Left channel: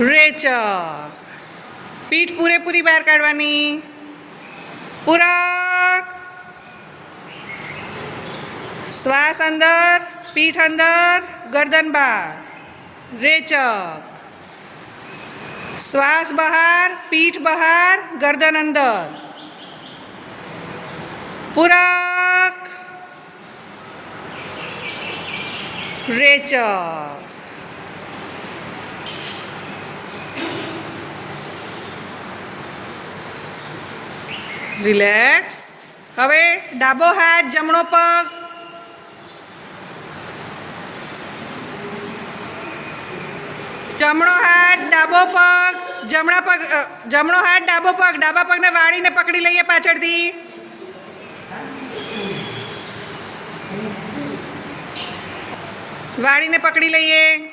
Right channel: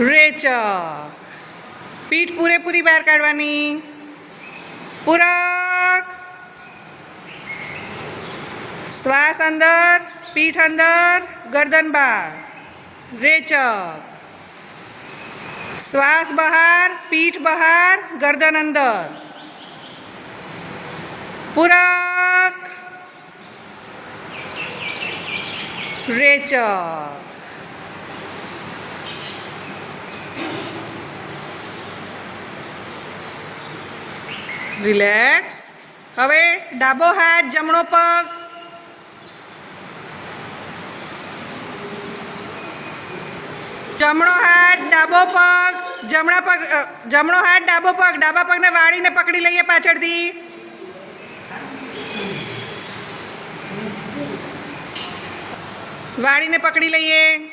રેચક. પીઠ પૂરેપૂરી બહાર કાઢવાની. પૂરક. શ્વાસ અંદર, પીઠ અંદર, ગરદન બહાર. રેચક. શ્વાસ બહાર, પીઠ બહાર, ગરદન અંદર. પૂરક. રેચક. રિલેક્સ. હવે ડાબો હાથ, જમણો પગ. જમણો હાથ, ડાબો પગ, જમણો હાથ, ડાબો પગ, ડાબા પગને વાળીને પકડી લઈએ પાછળથી. વાળીને પકડી લઈએ.